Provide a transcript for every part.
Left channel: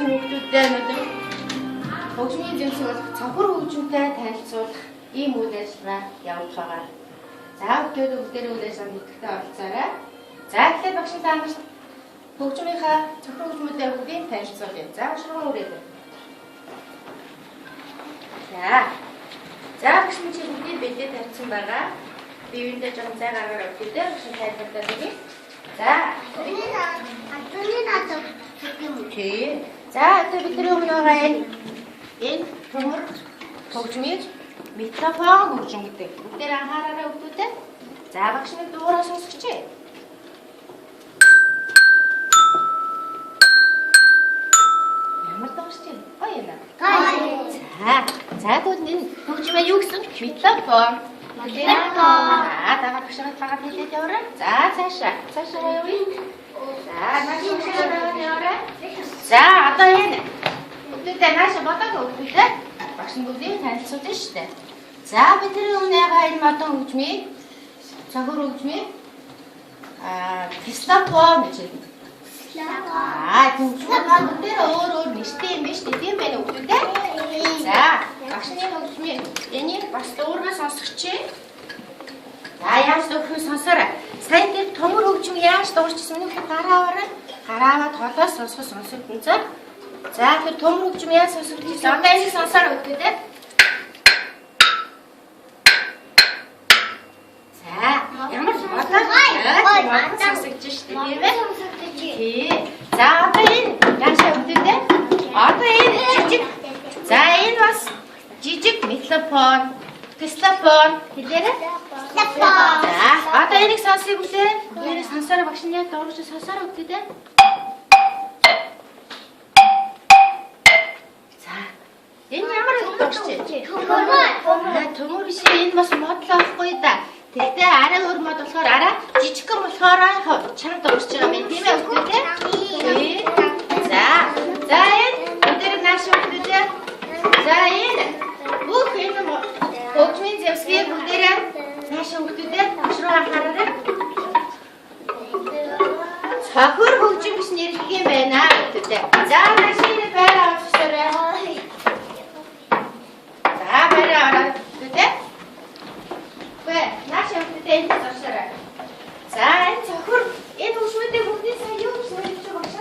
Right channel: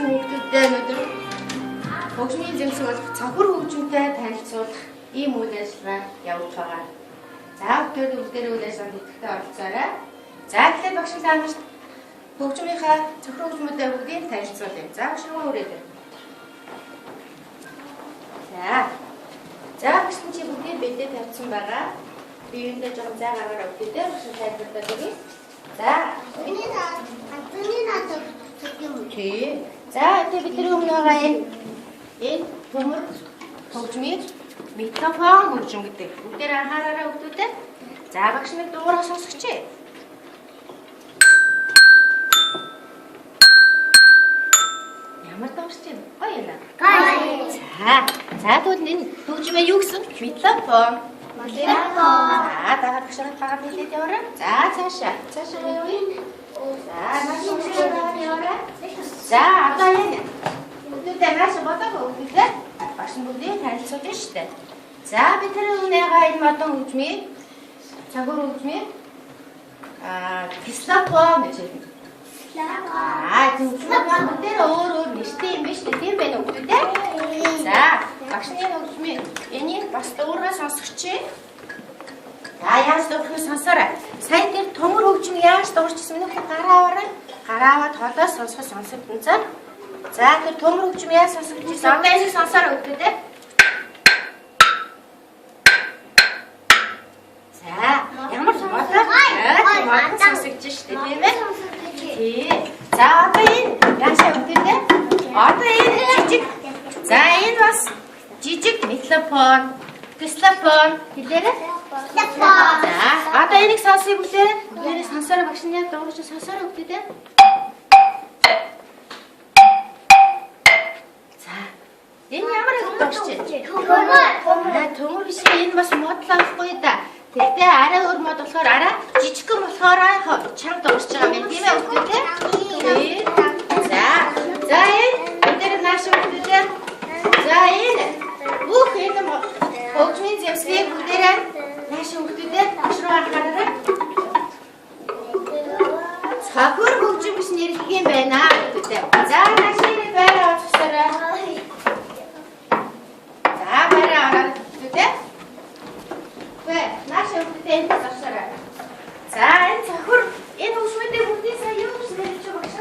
нь хүүхдүүдтэй өнөөдөр хөгжмийн зэмсэг болох цонхор хөгжмөнтэй танилцуулах ийм үйл ажиллагаа явуулах байгаа. За хүүхдүүд бүгдээрээ үйл ажиллагаанд идэвхтэй оролцоорой. За тэгэхээр багш та нарт хөгжмийнхаа цонхор хөгжмөдөө бүгдийг танилцуулъя. За багш руу үрээд. За багш чи бүгдийг бэлдээ тавьсан байгаа. Биеиндээ жоохон зай гаргаараа өгдөө багш тайлбарлаад өгье. За Окей. За одоо бидний өмнө байгаа энэ төмөр хөгжмийг микрофон хөгжим гэдэг. Бүгдээр анхаараарай өгдөө. За багш нэг дуурай сонсгоч. Ямар дуурч юм? Гоё юм аа. За тэгвэл энэ хөгжмөө юу гэсэн? Микрофон. За дагаад багшаа тагаад хэлээд яваарай. За цаашаа явъя. За наашаа яваарай. За одоо энэ бүгдээ наашаа бодог өгдөө. Багш бүгдийг танилцуулж штэ. За бидний өмнө байгаа энэ модон хөгжмийг цагуур хөгжмийг кислофон гэж хэлдэг. Кислофон бүгдээ өөр нэртэй юм биш тийм байна өгдөө. За багшны хөгжмийг энийг бас дуурай сонсгоч. За яаж дуурах сонсоорой. Сайн тэр төмөр хөгжим яаж дуурчсан минь гараа аваад холоос сонсогдсон. За тэр төмөр хөгжим яаж сонсогдчихсан. Одоо энийг сонсоорой өгдөө. За ямар модон сонсогдож штэ тийм ээ. За одоо энэ яашаа өгдөө. Одоо энэ жижиг. За энэ бас жижиг микрофон, кислофон хэлээрэй. За одоо энийг сонсъё бүлээ. Энийг сонсороо багш нь яг дуурч сонсороо өгдөө. За энэ ямар өгдөг чи? Төмөр биш энэ бас модл авахгүй да. Тэгтээ арай өөр мод болохоор арай жижигхэн болохоор чам дуурч байгаа юм тийм ээ өгдөө. За энэ өдөр нааш өгдөө. За энэ бүх энэ хөгжмийн зэвсгийг бүгдээрээ нааш өгдөө. Багш руу анхаараарай. Цонхор хөгжим гэж нэрлэх юм байна гэдэг. За машины байраа авчихсарай. За байраа ороод гэдэг. Вэ нааш өгдөө энэ авчихсарай. За энэ цонхор энэ хөгжмөдөө бүгдийг сая юу гэж нэрлэж байгаа багш?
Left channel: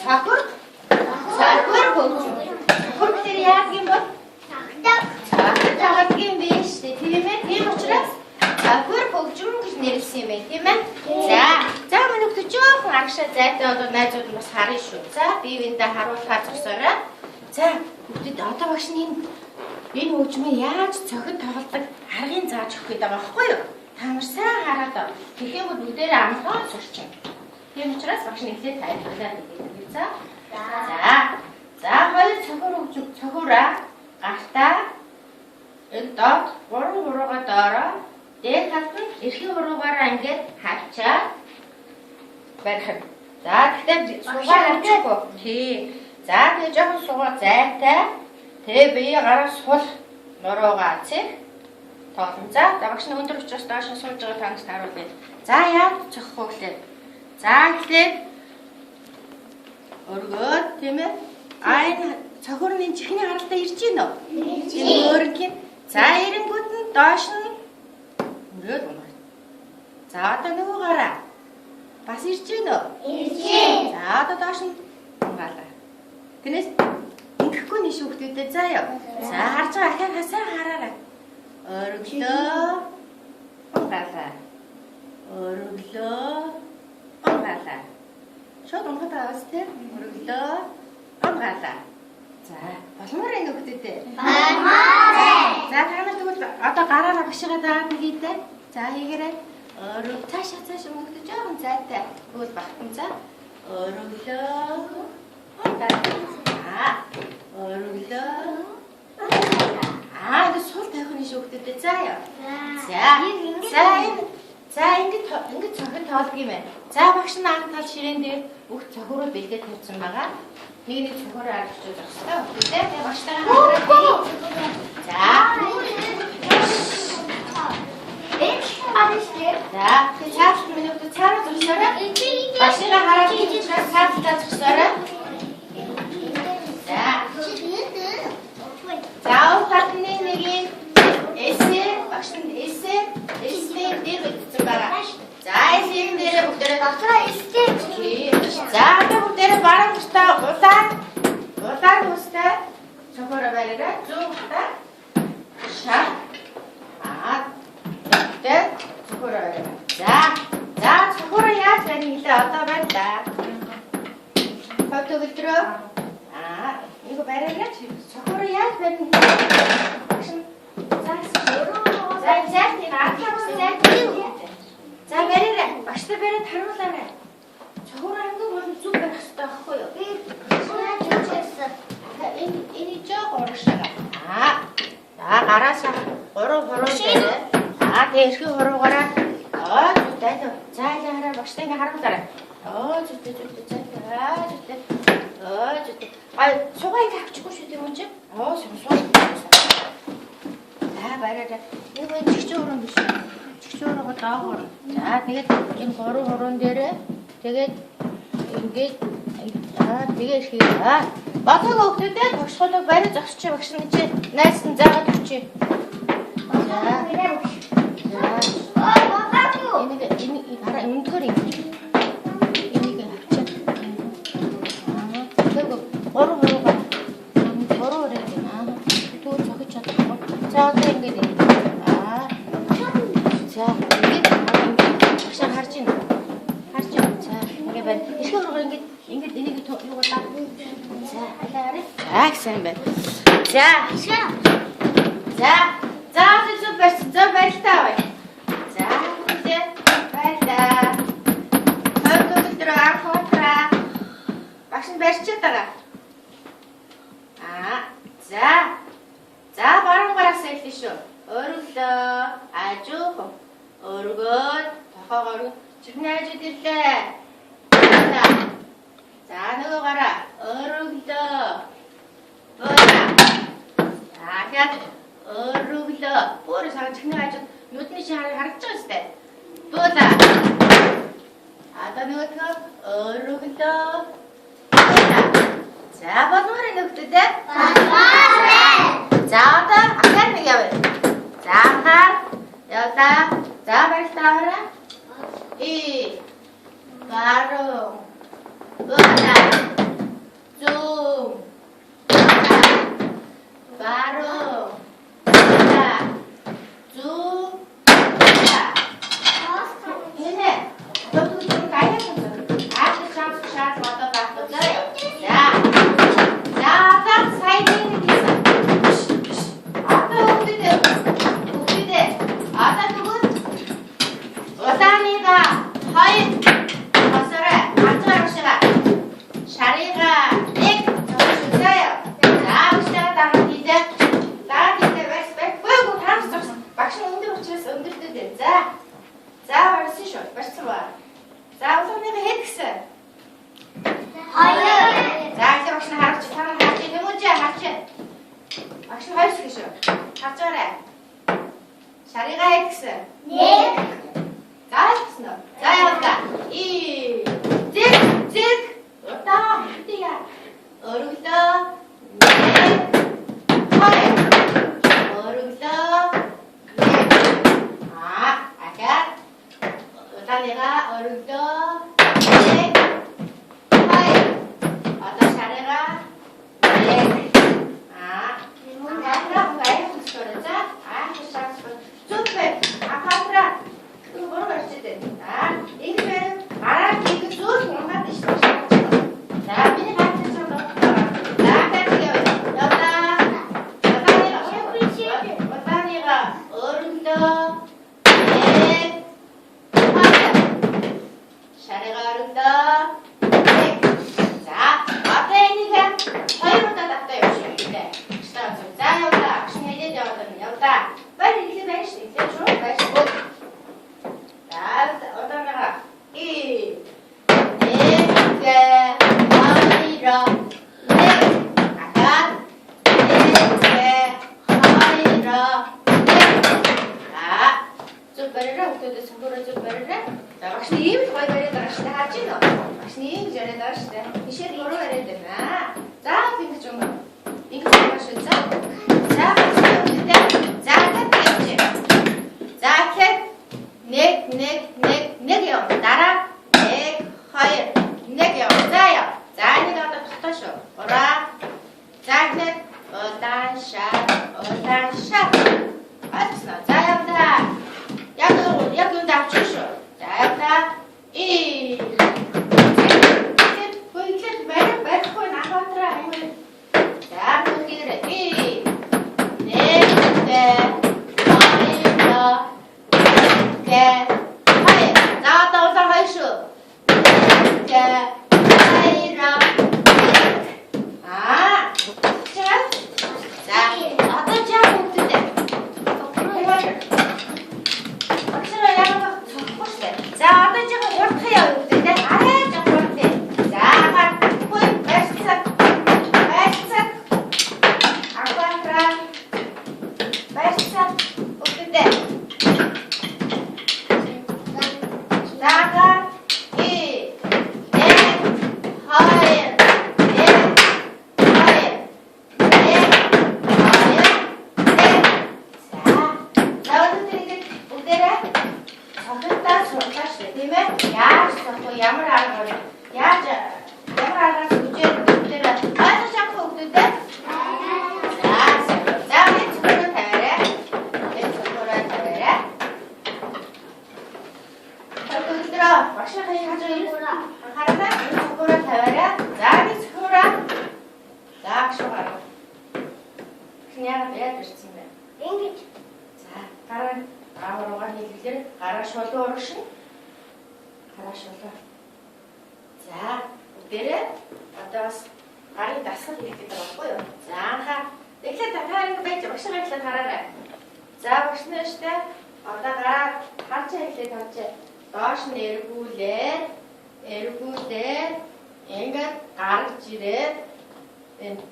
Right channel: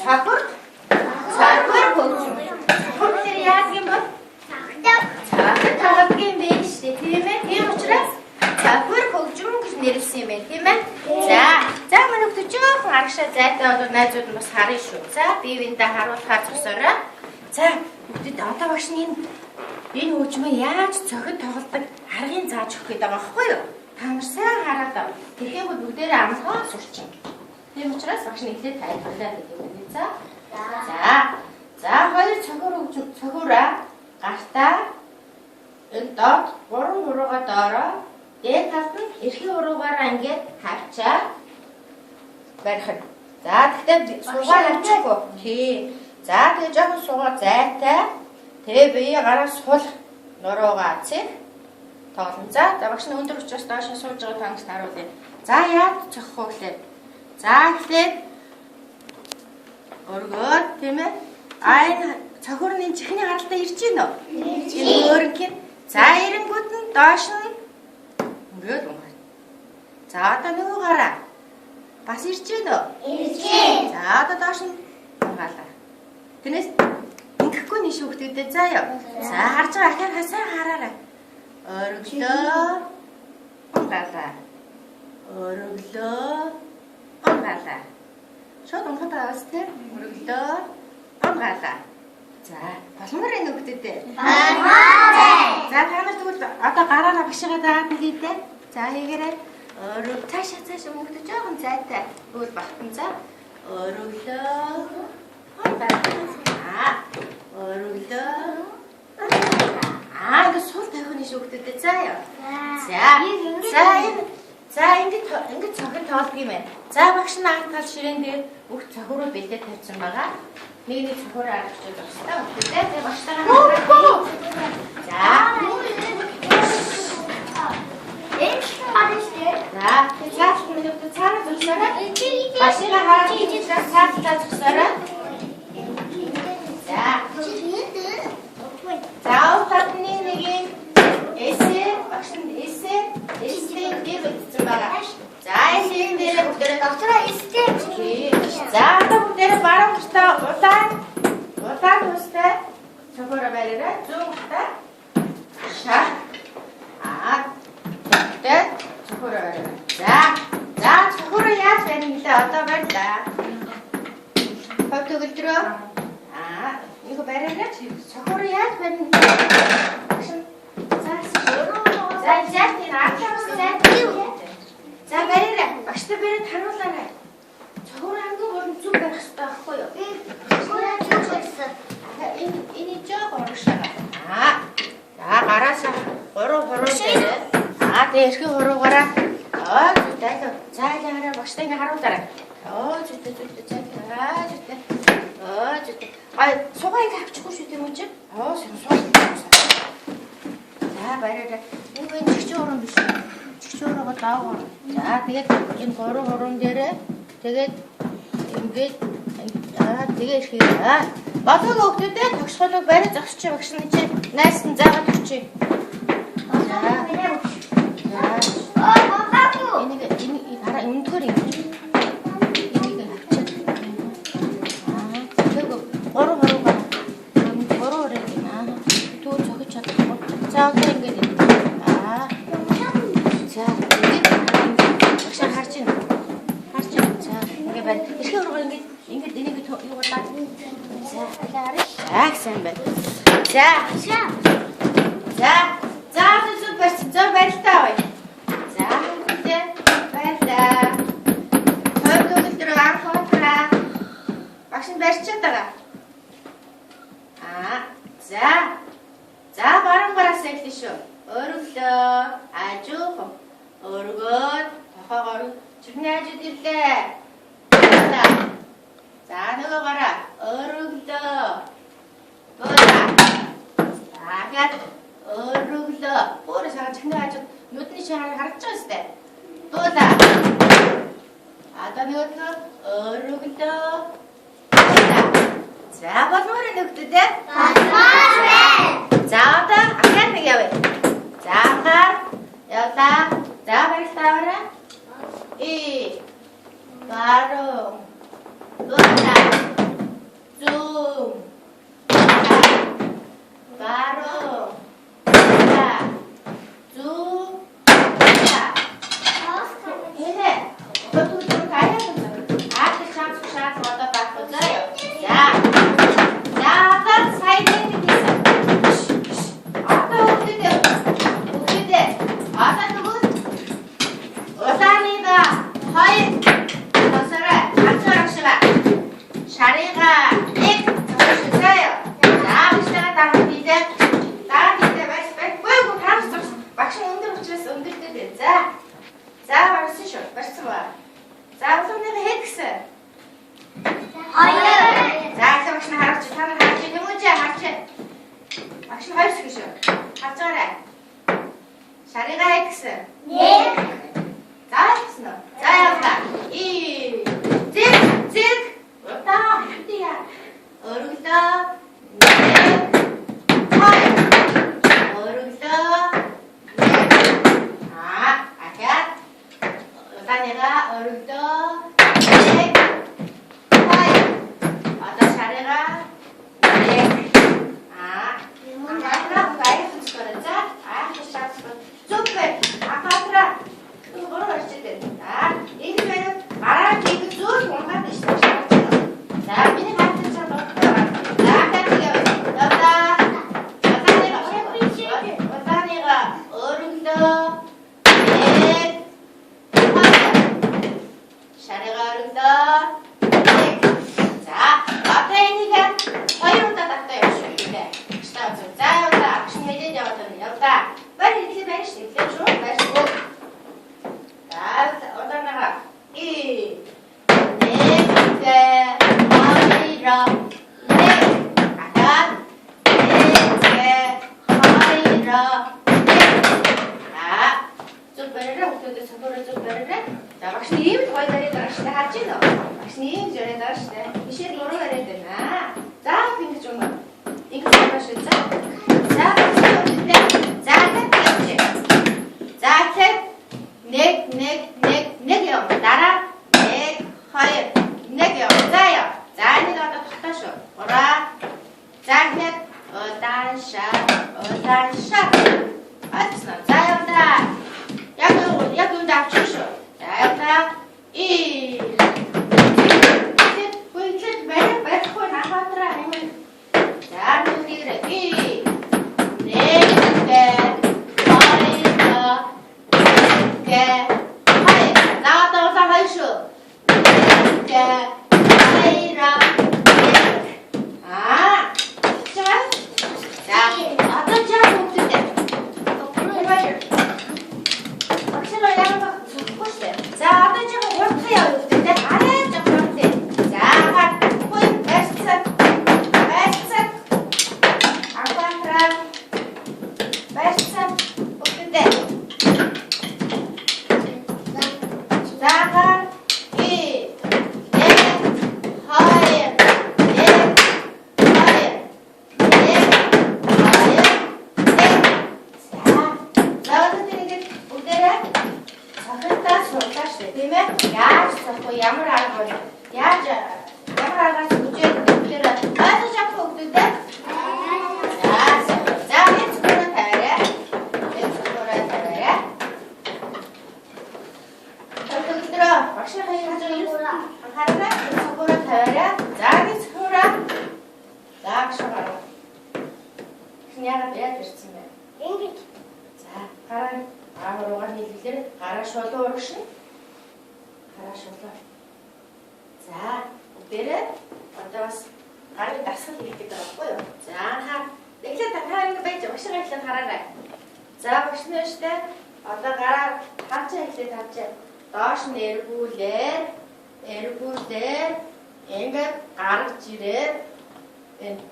Цонхор хөгжим. Цонхор дээр яах юм бол? Цонхор юм биш тийм ээ. Тийм учраас цонхор хөгжим гэж нэрлсэн юм байна тийм ээ. За манай хүүхд жоохон аргашаа зайтай бол найзууд нь бас харъя шүү. За бие биендээ харуулахаар зогсоорой. За хүүхдэд одоо багш нь энэ хөгжмөө яаж цохид тоглодог аргыг зааж өгөх гээд байгаа байхгүй юу? Та нар сайн хараад тэгэх юм бүгдээрээ амхаа сурчин. Тийм учраас багш нь ихлэ тайлбарлаад өгье. За хоёр цохор хөгжим цохороо гартаа энэ доод 3 хуруугаа доороо дээд талд нь эрхний хуруугаараа ингээд хавчаа барих. За тэгтээ суугаар авчихгүй. Тий. За тэгээ жоохон суугаар зайтай. Тэгээ бие гараа сул нуруугаа цэг тоглон. За багш нь өндөр учраас доош нь сууж байгаа тангаас харуулъя. За яаж цохох вэ гэлээ. За эхлээд өргөөд тийм ээ. Энэ цохорны чихний харалтаа ирж гин үү? Энэ өөрөнгө. За эрэнгүүд нь доош нь өнгөрөөд байна. За одоо нөгөө гараа бас ирж гин үү? Ирж гин. За одоо доош нь унгаалаа. Тэрнээс ингэхгүй нэг хүүхдүүдэд заяа. За харж байгаа ахаар хасаа хараарай. Өргөлөө. Унгаалаа. Өргөлөө. Унгаалаа. Шууд унгаад байгаас тэр өргөлөө. Унгаалаа. За боломоор энэ хүүхдүүдэд. За та нар тэгвэл одоо гараараа багшигаа дагаад хийдэ. За хийгээрэй. Цаашаа мөнгөд жоохон зайтай. Өгөл багтан за. Өргөлөө. Өргөлөө. Ингэ сул тавихны шүүхтэд заяа. За ингэ цохид тоолдог юм байна. За багш нь ард тал ширээн дээр бүх цохороо бэлдээ тавьсан байгаа. Нэг цохороо арчиж байгаа. Тэгээ багштайгаа хамтраад. За. За цааш минут цаанаас уусаарай. Багшигаа хараад цааш зогсоорой. За ухааны нэгийн эсээ багшин эсээ дээр үлдсэн байгаа. За эсийн дээр бүгдээ дотроо эсээ. За одоо бүгдээ баруун талаа удаан устай цохоор бариараа зүүн талаа шар тэгтээ цохоор бариараа. За цохоор яаж барих нэлээ одоо байлаа. Фото өдрөө 이거 말해라. 저거를 해야 되는 자, 말해라. 맛있다 말해 닮았잖아. 저거를 한 거 뭐좀 쭉 맛있다 하고요. 이니 쭉 어르시다가. 자, 알아서 걸어 돼. 대식 걸어 가라. 됐어. 자, 하라 맛있다 이거 하러 따라. 좋다. 소가이가 합치고 싶대 먼저. 자, 말해라. 이건 직접으로 미시. 직접으로 갔다 오고. 자, 되게 지금 걸어오는 데를 되게 이게 되게 쉬다. 막하고 없을 때 덕선을 말해 적시지 막시는 이제 날씬 자가 좋지. 자, 이니 가라 운털이. 이니가 합쳐. 그리고 걸어 가. 걸어오래 되나? 또 저기 쳐다보. 자, 그런 게 돼. 자, 이게 액션 harcın. 자, 이게 봐. 이렇게 걸어가는 게 이게 더 이거 딱. 자, 액션 봐. 자, 좀 뱉다. 자, 이제 뱉다. 또 들어가. 막신 뱉쳤다가. 자, 바로 거라서 했듯이. 어른다. 아주 어르고 더 걸어. 준비해줄 때. 자, 너가 가라. 어른다. 뭐야? 자, 어른다. 뭐를 사람 챙겨야죠. 요트니시 하랬죠, 때. 뭐다? 아다 너가 어른다. 자, 뭐를 넣었대? 자, akan ngegawe. Jangan, yaudah. 자, beristirahat. Garung. Guna. Zoom. Garung. Guna. Zoom. Ini. Betul kaya betul. Ada chance motor takut saya. Ya. Jangan saya ini bisa. 하이 버섯을 박수하시라 자리가 익 적으셨어요. 자 보시다가 나한테 이제 말씀 빼고 다음 막상 흔들어 붙였어. 흔들 자 말쓰셔 말씀 봐. 자 우선 내가 헥스 자 이제 막상 하락지 타는 하락지 해보자 하락지 막상 할 수 있어. 박수하래 자리가 헥스 자, 여기다. 찍. 왔다. 어디야? 어르기다. 어르기다. 아까. 여기다 내가 어르기다. 어떤 차례가. 아까 나이 붙여라. super. 아까 뭐로 가르치대? 이거는 말하기 이거 쭉 공부하는 데 있어. 자, 미니 같은 거 넣고. 자, 갈게요. 여기다 내가 어른도 샤레가 어른도 자, 앞에 있니까 허이부터 닦다 열심히 자, 여기다 신혜진 여기다 빨리 이렇게 말할 수 있게 좀 마시고 자, 어떤 나가? 하이라 아까 하이라 좀 베르라 어떻게 정도로 좀 베르라 자, 막신님 거기 베르라 시작하지 너 막신님 전에 나시대 이제 뭐로 해야 되나 자, 핑크 좀 마셔 자, 개, 하이. 자, 어서 하이쇼. 개, 하이라. 아, 자, 어떤 지하고 없을 때. 해봐요. 확실하게 하는 거 보시죠. 자, 어떤 지하고 이렇게 해요. 없을 때. 아래쪽 이렇게. 자, 호입, 베스트. 아쿠아트라. 베스트. 없을 때. 자가, 이, 네, 하이. Ямар арга яаж ямар аргаас үжээд бүгдээр айсаа шахах өгдөө тэ. За энэ цогцоо тавиарай. Энэ цогцоо тавиарай. бүгдээ багшийн хажуу ирсэн анхаараа энэ цогцоо тавиарай. За энэ цогцоо за гшгаа. Хняга яад ирсэн бэ? Ингэж. За гараа аагаруугаар хийлгэлээр гараа шулуу урагшин. Гараа шулуу. За, бүгдээрээ одоо бас гарын дасгал хийх гэдэг байхгүй юу? За, анхаа. Эхлээд та байж багшаа эхлээд хараарай. За, багш нэртэй одоо гараа харчаа эхлээд харчаа. Доош нь эргүүлээд ингээд гаргаж ирээд энэ.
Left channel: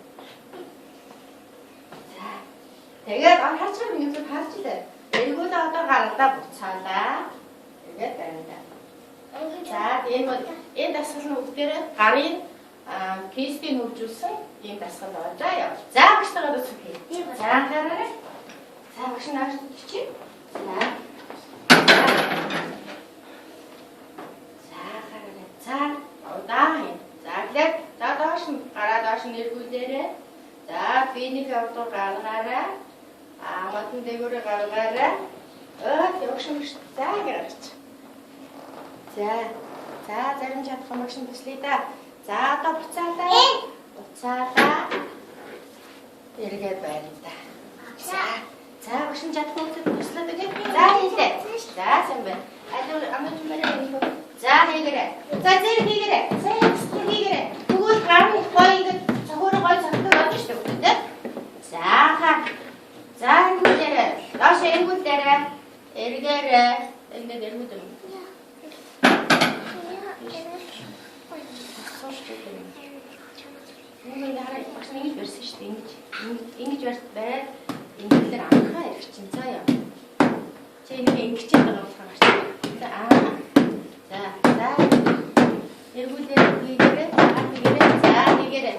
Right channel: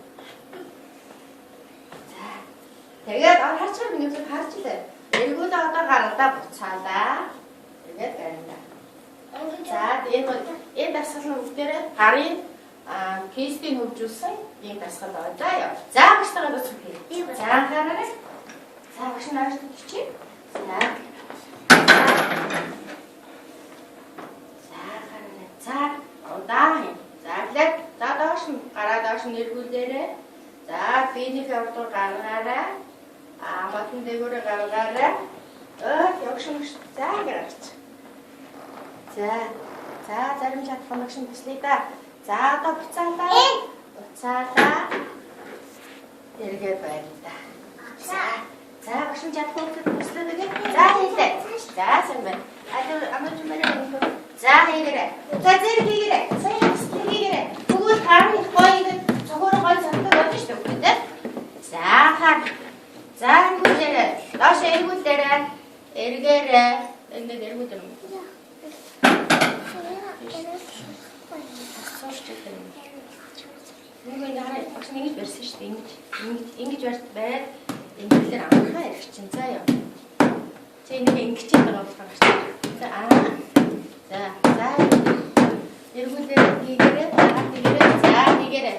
За. Тэгээд харж байгаа миний зөв харж илээ. Эргүүлээ одоо гаралдаа буцаалаа. Тэгээд барина. За энэ дасгал нь бүгдээрээ гарын кейсийг хөгжүүлсэн ийм дасгал байна. За яа. За багштайгаа дуусах хий. За анхаарай. За багш нааш чи. За. За хараа. За удаа. За глэд. За доош нь гараа доош нь эргүүлээрэй. За биений хавтар гаргаарай. Батны дээгүүрээ гаргаарай. Явшимш. За гэрч. За зарим чадах юм шиг төслөе да. За одоо буцаалаа. Эргээ байна да. За багшин чадах юм шиг төслөө гээ. За хийлээ. За сайн байна. Амын мөрөө. За хийгээрэй. За зэрэг хийгээрэй. Сайн хийгээрэй. Тэгвэл таарны гоё ингэ цогоор гоё цогтойг байна шүү дээ. За хаа. За эргүүлээрэй. Доош эргүүлээрэй. Эргээрэй. Ингээд эргүүлээ. Нэг хараа багш ингэж барьсан шүү дээ. Ингэж бариад ингэлээр анхаа ирэх чинь цаа яа. Чи нэг ингэж байгаа болохоор гарч. За эргүүлээ хийгээрэй. За хийгээрэй.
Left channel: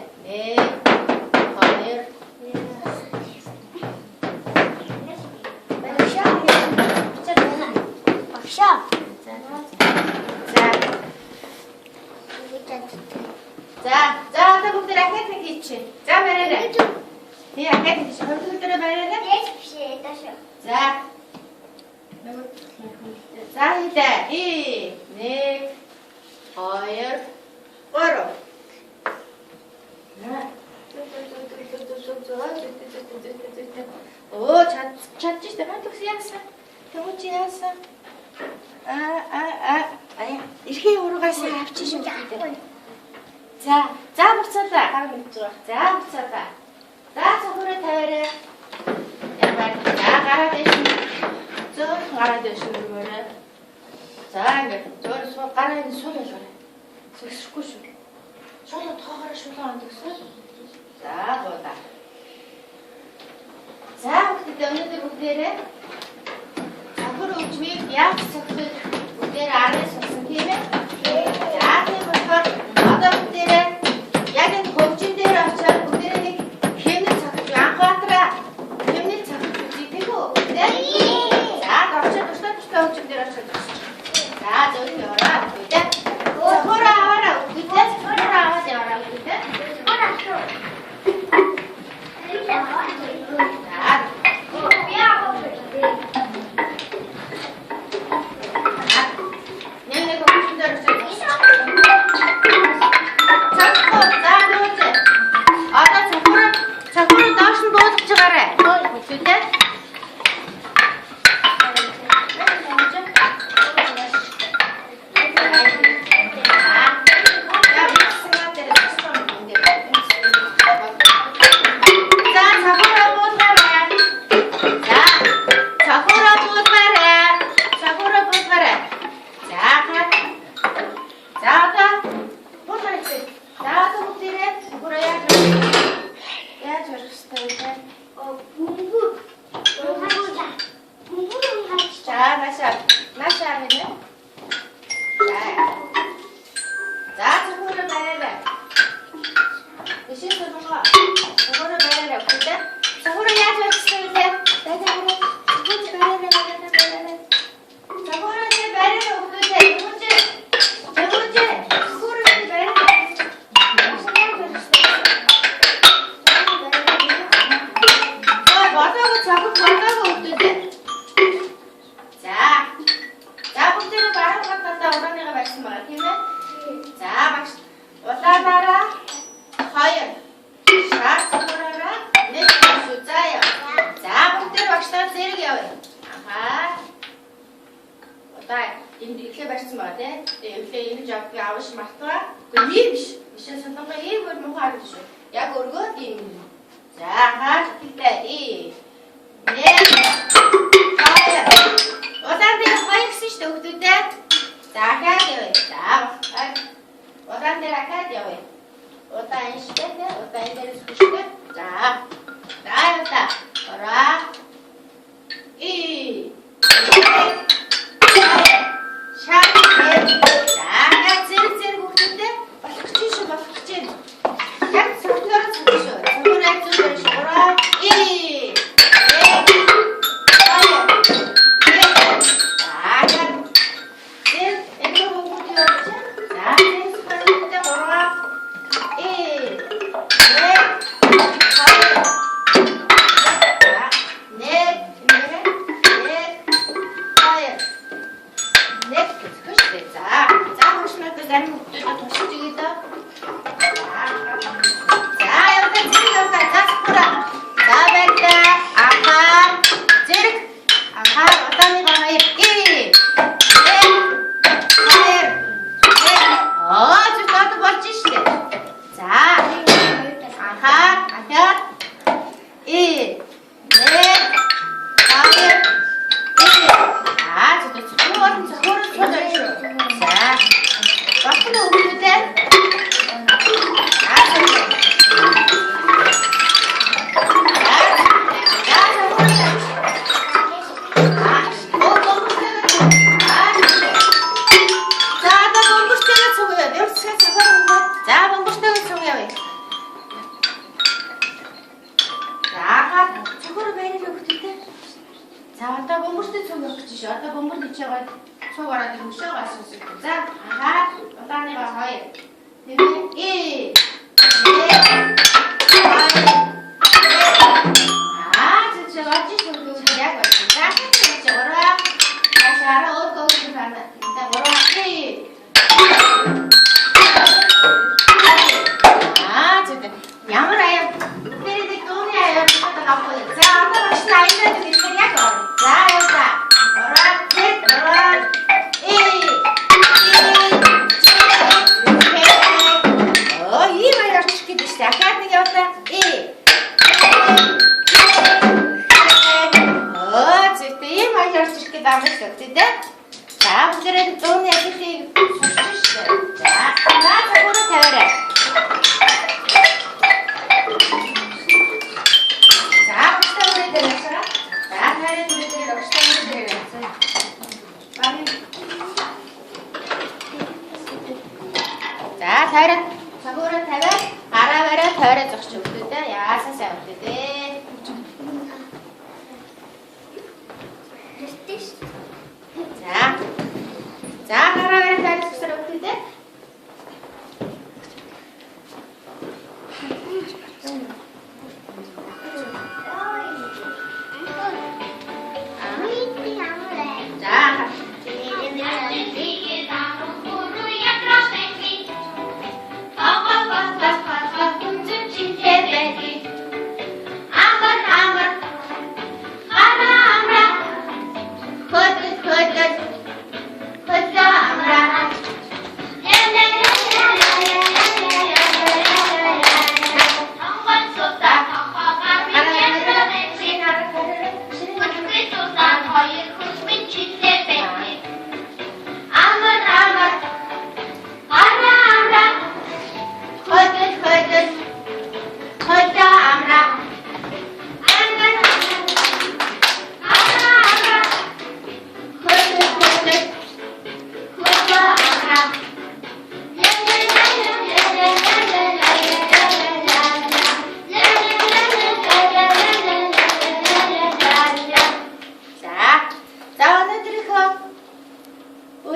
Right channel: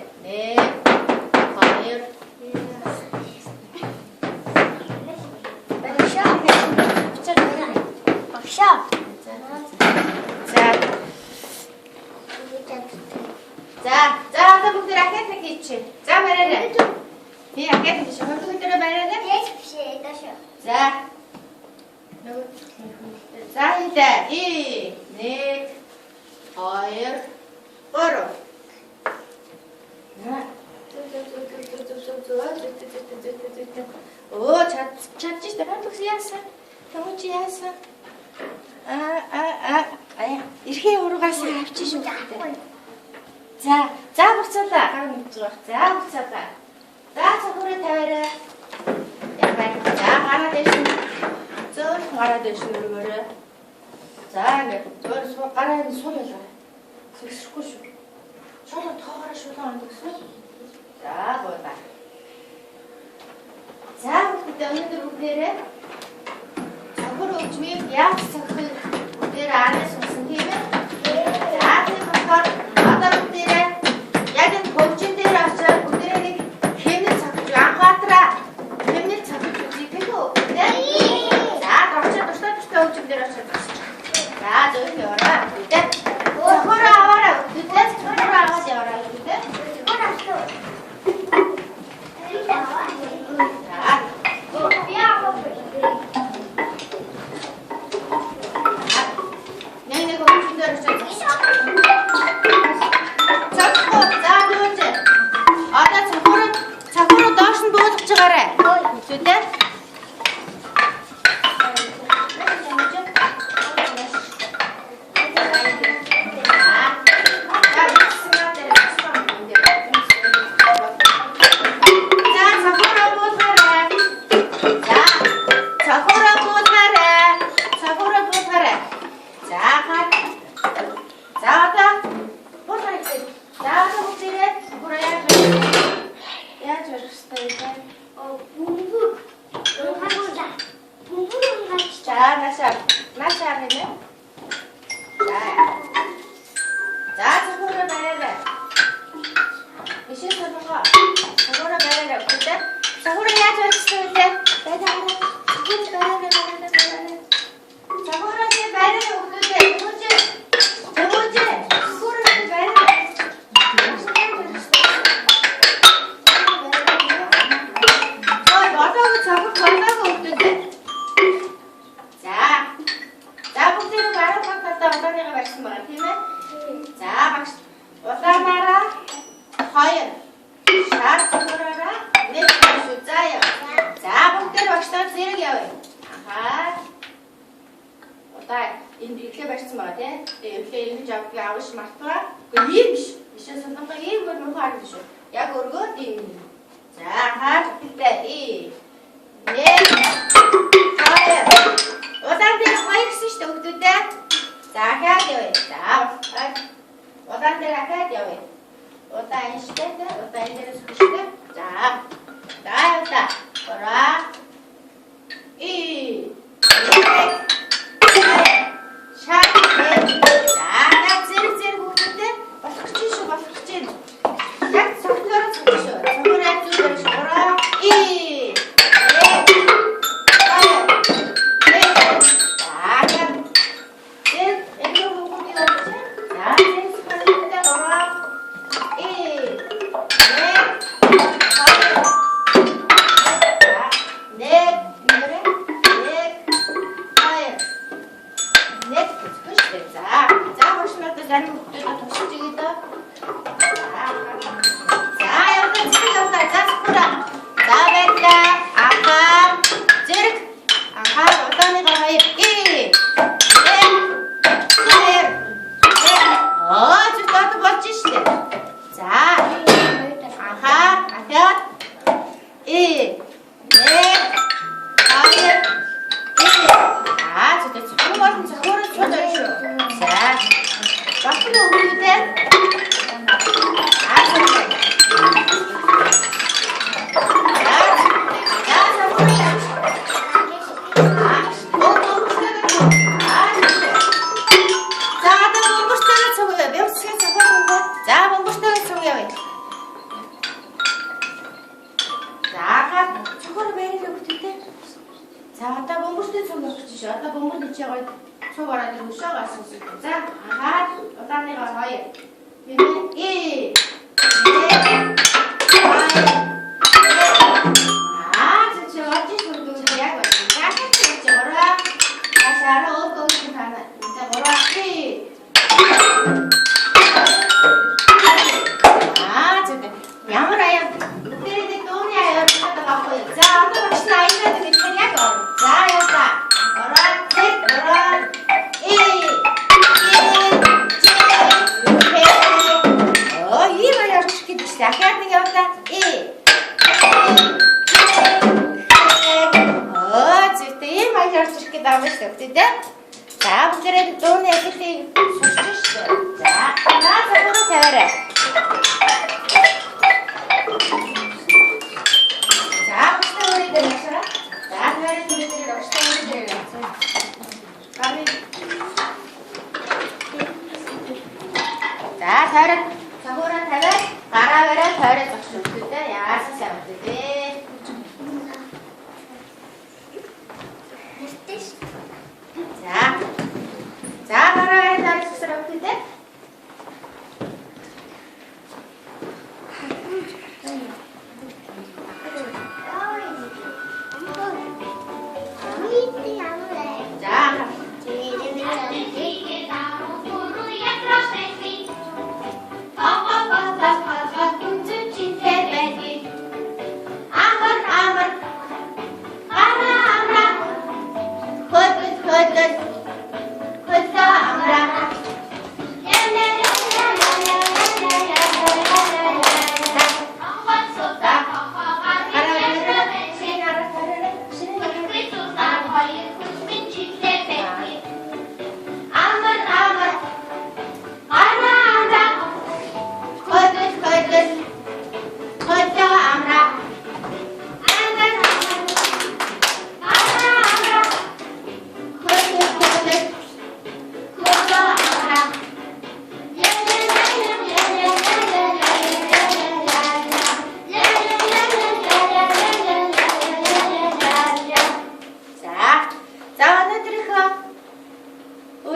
За бүгд ракет нэг хийчих. За бариарай. Би ракет хийж бүгдээрээ бариарай. Биш дааш. За. За хийлээ. 1 2 3. Оо чадчих дээ. Хатлагс яасан. Төгч яасан. Эрхээ ургаас авчих шүү дээ. За буцаалаа. Гар мэдж байгаа. За буцаалаа. За цогцоо тавиарай. Ябай. За гараа дэш. Зөөр гараа дэш нүрмээрээ. За ингээд зөөр суу гараа энэ сул байлаа. Сэгсрэхгүй шүү. Сул тоогоороо шулуун амдагсан. За гоола. За бүгд өнөөдөр бүгдээрээ цогцоо өчмийг яаж цогцохыг бүгдээрээ араас сонсон тийм ээ. За тийм болохоор одоо бүгдээрээ яг энэ хөгжин дээр очиод бүгдээрээ нэг хэмнэл цогцож анхаатраа. Хэмнэл цогцож үзье тийм үү? За очиод тустай хөгжин дээр очиод. За зөв яваа. Бүгдээ цогцоо аваарай. Бүгдээ цогцоо аваад яваарай. Бүгдээ. 마시 하면은 자, 저거를 말해라. 이 신수는 거. 저거를 말해라. 근데 저거를 야줬을 때 내가 알아. 저거를 말해라. 저거를 말해라. 없는데 뭐지? 저거지? 그거를 말해라. 맞아도 저거 걸다가 없는데. 자, 문제를 말하고 갔다 오라 내가 말씀할게요. 자, 어떤 나라? 과연 샷 들어라. 내 숫자요. 자, 문제를 확실하게 세르게요. 아하. 어떤 이렇게 말씀하대. 이렇게 있는 작비 아우시 맞더라. 그 이미시. 이신 선동가 이 뭐를 하르죠. 야, 그거 이. 자, 하. 이때 이. 네. 과연 어떤 데가 과연 쓰시도 없는데? 자, 해야 돼요. 자, 어떤 데가 해야 돼요. 어떤 시대인데? 어떤 데를 쓰시대? 자, 여기다. 거라. 이. 샤. 자, 찌르 없는데? 막치쇼. 야, 성도를 쳐주셔. 성도를 해주셔. 거라. 이.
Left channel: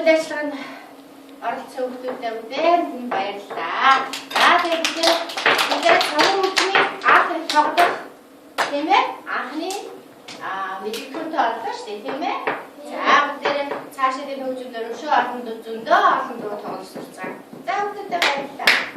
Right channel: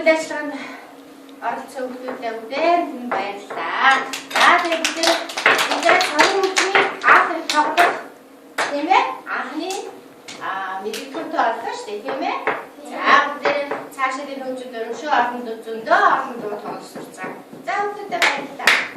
үйл ажиллагаанд оролцсон хүмүүстээ бүгдээр баярлалаа. За тэгээд бид цагаан хөгжмийн аатрыг тоглох тийм ээ? Анхны мэдээлэлтэй олдоо шүү дээ тийм ээ? За бүгдээр цаашаа энэ хөгжмөөр өшөө олон зөндөө олон дуу тоглож сурцгаа. За бүгдээ баярлалаа.